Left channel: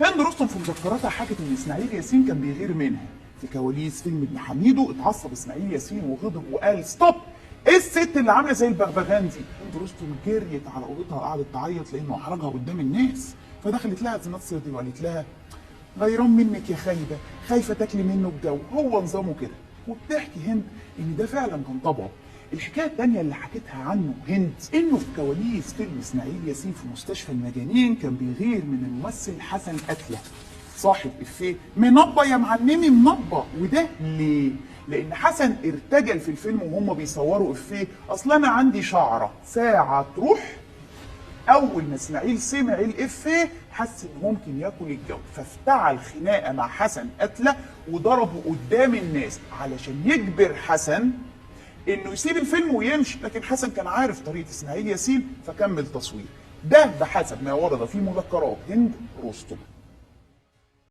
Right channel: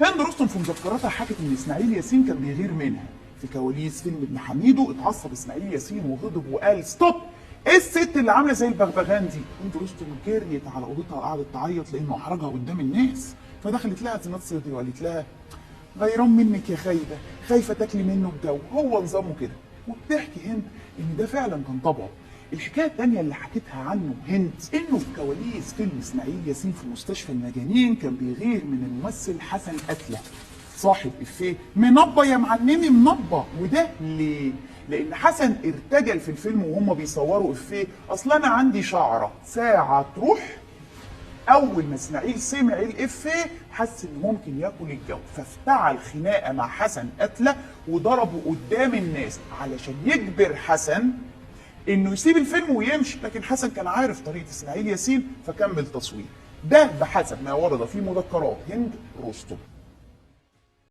هند رستم في مذكراتها حكت ان اسماعيل ياسين كان بيغير منها. في كواليس فيلم ابن حميدو اتعصب اسماعيل ياسين وغضب وقال ستوب، ايه الست اللي عامله زي البغبغان دي؟ هند رستم جريت على اوضتها وقعدت تعيط لانه احرجها قدام الناس، فدخلت لها زينات صهري وقالت لها غيران منك يا خايبه، خايفه تاكلي منه الجو، هو نظامه كده. وبتحكي هند ان ده فعلا كان طبعه. الحكايه الثانيه اللي حكيتها عنه هند انه في كواليس فيلم اسماعيل ياسين في مستشفى المجانين كان بيغير من الممثل حسن قتله صاحب افيه منبه يا معلمي منبه. وده ليه؟ لان حسن ارتجل في الفيلم وهم بيصوروا افيه اصل انا عندي شعره ساعه تروح. اول ما اسماعيل سمع الافيه حس انه ممكن ياكل الجو، فافتعل خناقه مع حسن قتله وضربه قدام الناس علشان يجبر حسن انه يسيب الفيلم ويمشي. لكن حسن كان عارف طريقه اسماعيل ياسين فكمل تصوير. ده بحسب ما ورد في مذكرات هند رستم.